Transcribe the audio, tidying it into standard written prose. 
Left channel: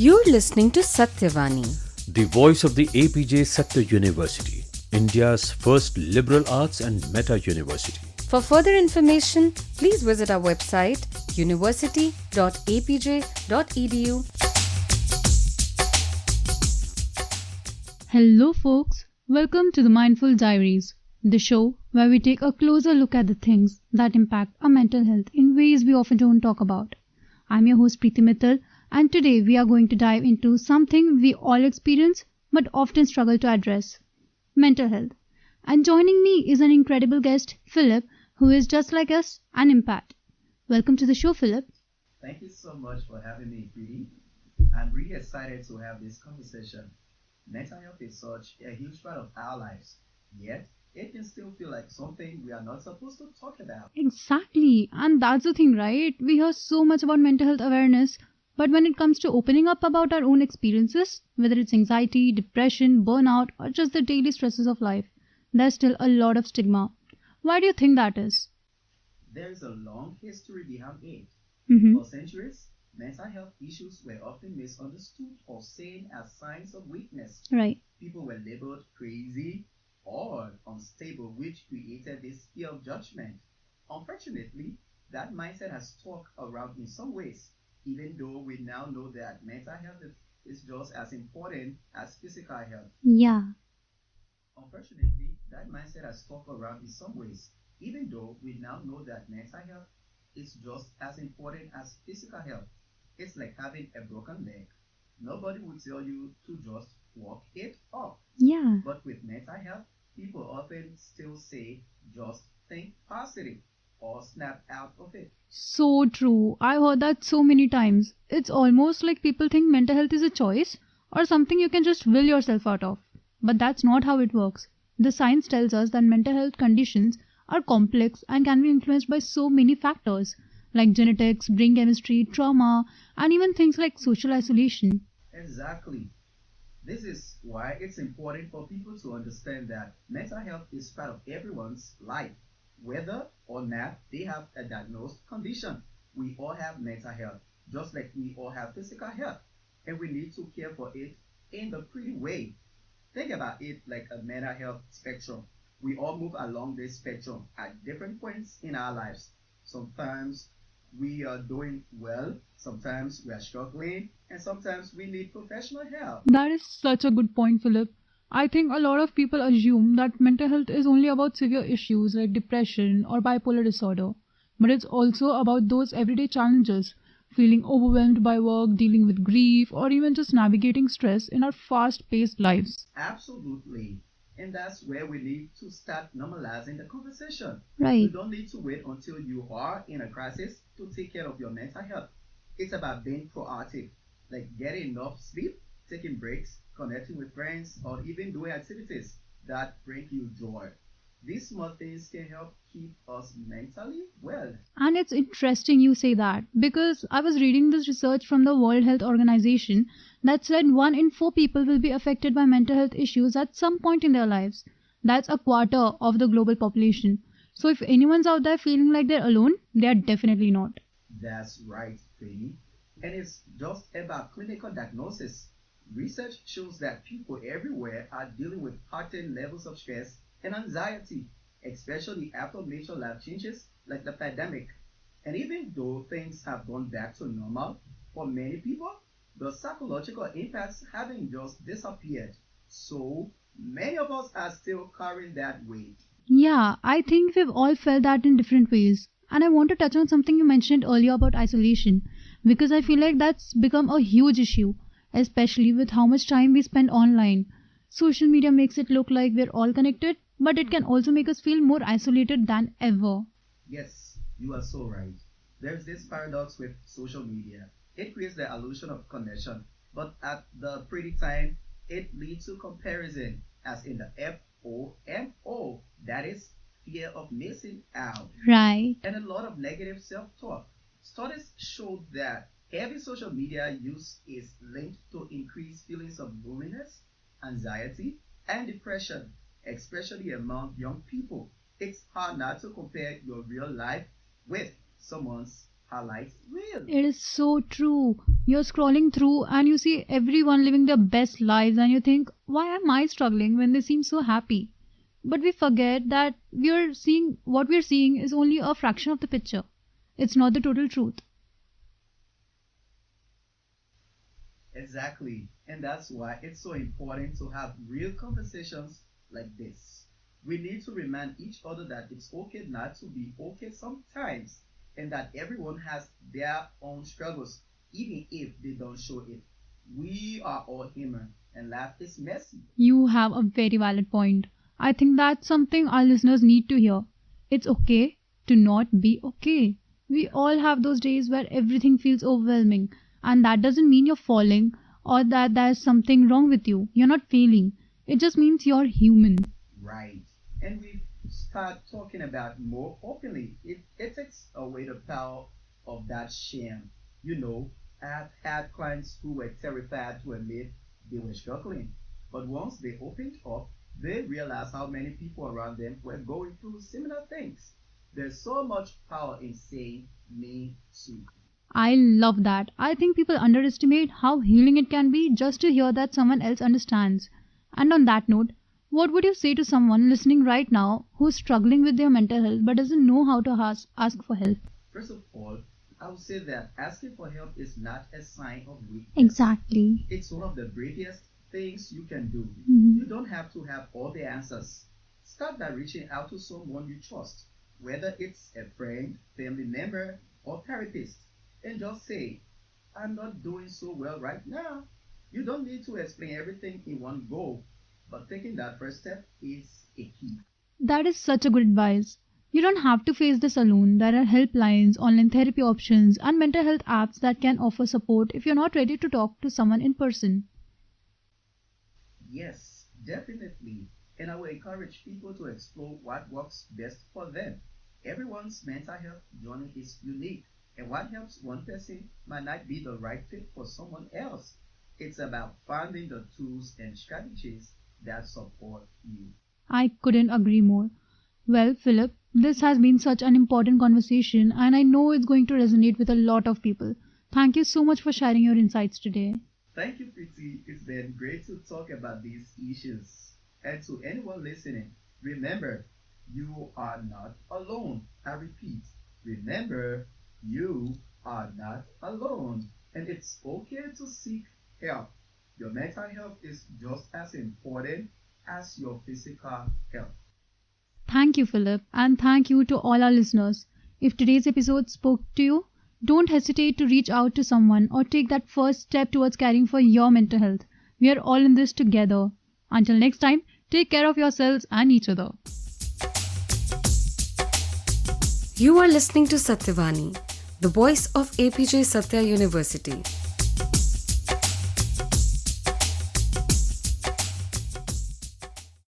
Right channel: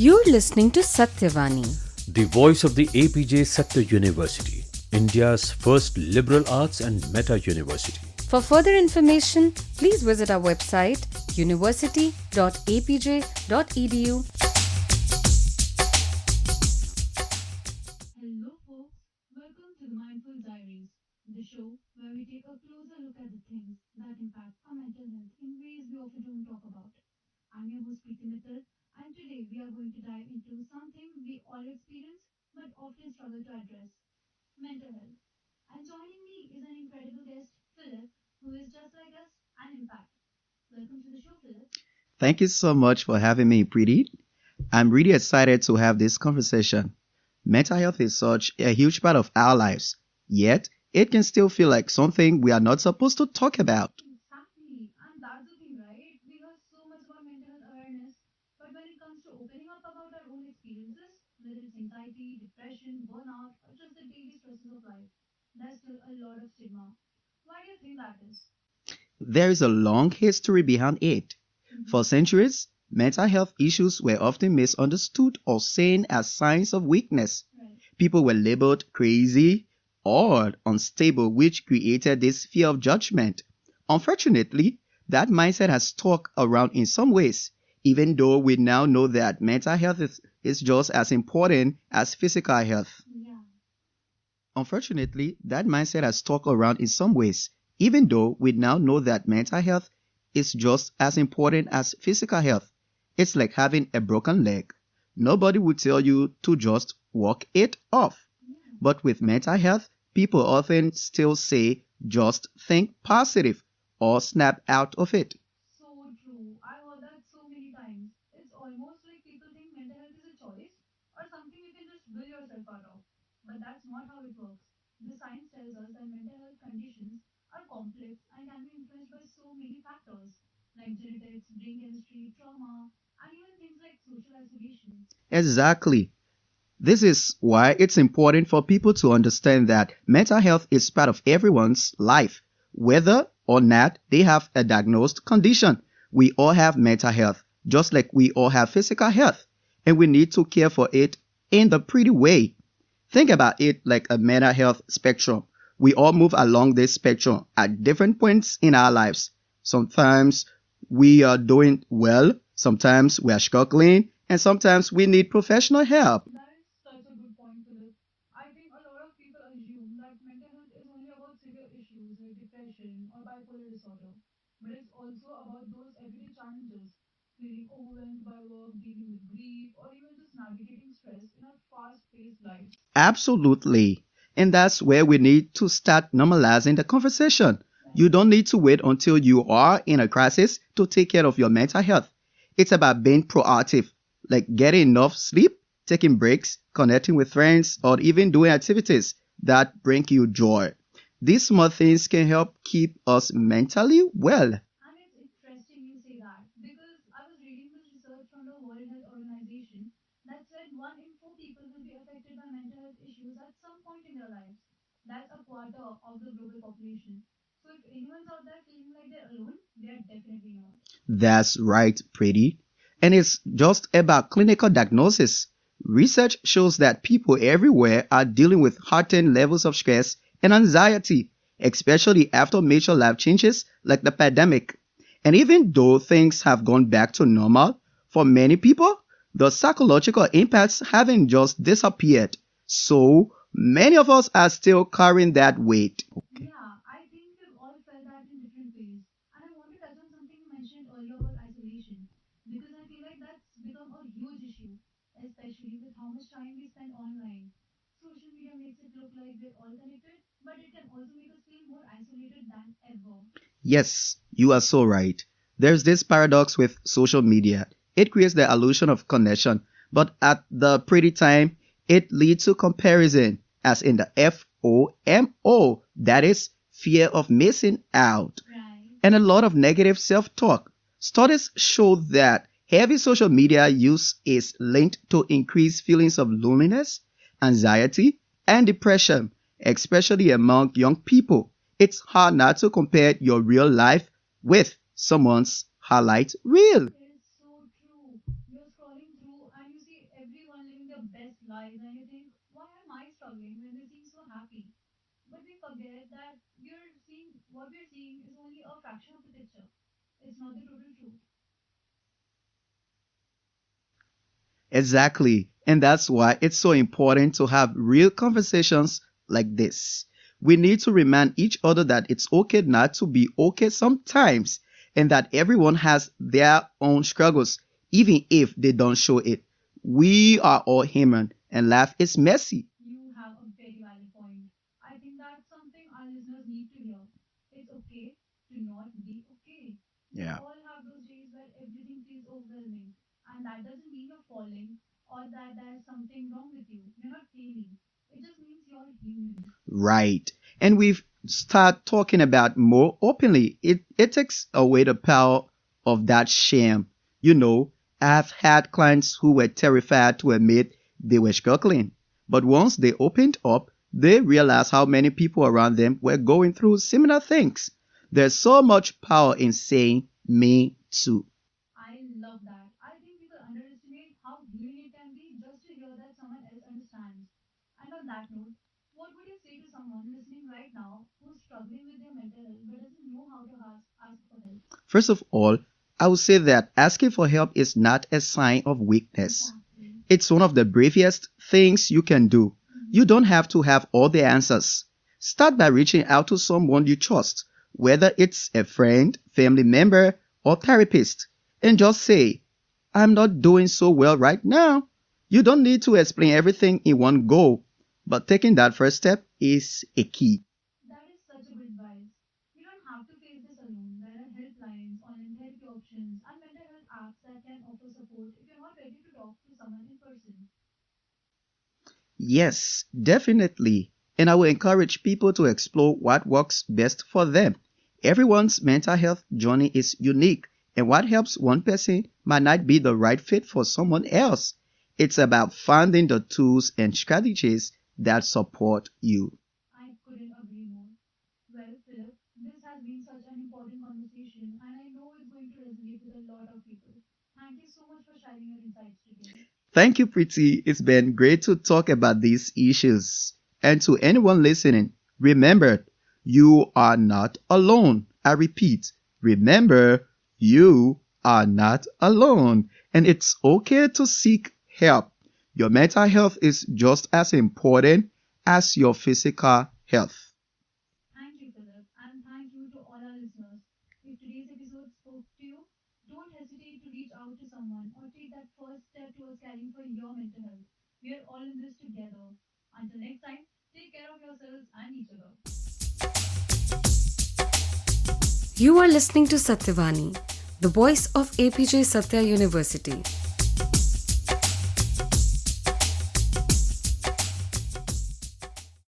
You're listening to Satyavani, the voice of the APJ Satya University, India's first liberal arts and meta university. For further information, please visit our website university.apj.edu. Hello, folks. Welcome to the Mindful Diaries, the show where we take a closer look at the things that impact our mental health in ways we often don't talk about. I'm your host, Preeti Mittal, and today we are going to dive into something we all experience but often struggle to address: mental health. And joining me is an incredible guest, Philip, who is just like us, an empath. Welcome to the show, Philip. Thank you so much for having me, Preeti. I'm really excited to have this conversation. Mental health is such a huge part of our lives, yet it can still feel like something we are not supposed to talk about. Exactly. And that's the thing, right? We hear so much about mental health awareness, but when it comes to opening up about our own experiences, whether it's anxiety, depression, burnout, or just the daily stresses of life, there's still a lot of stigma. Why do you think that is? There is a long history behind it. For centuries, mental health issues were often misunderstood or seen as signs of weakness. Right. People were labeled crazy or unstable, which created this fear of judgment. Unfortunately, that mindset has stuck around in some ways, even though we now know that mental health is just as important as physical health. Yeah. Unfortunately, that mindset has stuck around in some ways, even though we now know that mental health is just as important as physical health. It's like having a broken leg. Nobody would tell you to just walk it off. Yeah. But with mental health, people often still say just think positive or snap out of it. So true. I've heard that so many times. It's almost like people think mental health is a choice or something you can just will yourself out of. But that's not how it works. The science tells us that mental health conditions are complex and can be influenced by so many factors like genetics, brain chemistry, trauma, and even things like social isolation. Exactly. This is why it's important for people to understand that mental health is part of everyone's life, whether or not they have a diagnosed condition. We all have mental health, just like we all have physical health, and we need to care for it in the pretty way. Think about it like a mental health spectrum. We all move along this spectrum at different points in our lives. Sometimes we are doing well, sometimes we are struggling, and sometimes we need professional help. That is such a good point, Philip. I think a lot of people assume that mental health is only about severe issues like depression or bipolar disorder, but it's also about those everyday challenges, feeling overwhelmed by work, dealing with grief, or even just navigating stress in our fast paced lives. Absolutely. And that's where we need to start normalizing the conversation. Right. You don't need to wait until you are in a crisis to take care of your mental health. It's about being proactive, like getting enough sleep, taking breaks, connecting with friends, or even doing activities that bring you joy. These small things can help keep us mentally well. And it's interesting you say that because I was reading this research from the World Health Organization that said 1 in 4 people will be affected by mental health issues at some point in their lives. That's a quarter of the global population. So if anyone's out there feeling like they're alone, they are definitely not. That's right, Pretty. And it's just about clinical diagnosis. Research shows that people everywhere are dealing with heightened levels of stress and anxiety, especially after major life changes like the pandemic. And even though things have gone back to normal, for many people, the psychological impacts haven't just disappeared. So many of us are still carrying that weight. Yeah, I think we've all felt that in different ways. And I want to touch on something you mentioned earlier about isolation because I feel like that's become a huge issue, especially with how much time we spend online. Social media makes it look like we're all connected, but it can also make us feel more isolated than ever. Yes, you are so right. There's this paradox with social media. It creates the illusion of connection, but at the pretty time, it leads to comparison, as in the FOMO, that is, fear of missing out, Right. and a lot of negative self-talk. Studies show that heavy social media use is linked to increased feelings of loneliness, anxiety, and depression, especially among young people. It's hard not to compare your real life with someone's highlight reel. It is so true. You're scrolling through and you see everyone living their best lives and you think, why am I struggling when they seem so happy? But we forget that what we're seeing is only a fraction of the picture. It's not the total truth. Exactly. And that's why it's so important to have real conversations like this. We need to remind each other that it's okay not to be okay sometimes, and that everyone has their own struggles, even if they don't show it. We are all human, and life is messy. You have a very valid point. I think that's something our listeners need to hear. It's okay to not be okay. We Yeah. all have those days where everything feels overwhelming, and that doesn't mean you're falling or that there's something wrong with you. You're not failing. It just means you're human. Right. And we've start talking about more openly. It takes away the power of that shame. You know, I've had clients who were terrified to admit they were struggling. But once they opened up, they realized how many people around them were going through similar things. There's so much power in saying, me too. I love that. I think people underestimate how healing it can be just to hear that someone else understands. And on that note, what would you say to someone listening right now who's struggling with their mental health but doesn't know how to ask for help? First of all, I would say that asking for help is not a sign of weakness. Exactly. It's one of the bravest things you can do. You don't have to have all the answers. Start by reaching out to someone you trust, whether it's a friend, family member, or therapist, and just say, I'm not doing so well right now. You don't need to explain everything in one go, but taking that first step is a key. That is such a good advice. You don't have to face this alone. There are helplines, online therapy options, and mental health apps that can offer support if you're not ready to talk to someone in person. Yes, definitely. And I will encourage people to explore what works best for them. Everyone's mental health journey is unique, and what helps one person might not be the right fit for someone else. It's about finding the tools and strategies that support you. I couldn't agree more. Well, Philip, this has been such an important conversation, and I know it's going to resonate with a lot of people. Thank you so much for sharing your insights today. Thank you, Preeti. It's been great to talk about these issues. And to anyone listening, remember, you are not alone. I repeat, remember, you are not alone. And it's okay to seek help. Your mental health is just as important as your physical health. Thank you, Philip, and thank you to all our listeners. If today's episode spoke to you, don't hesitate to reach out to someone or take that first step towards caring for your mental health. We are all in this together. Until next time, take care of yourselves and each other. You are listening to Satyavani, the voice of APJ Satya University.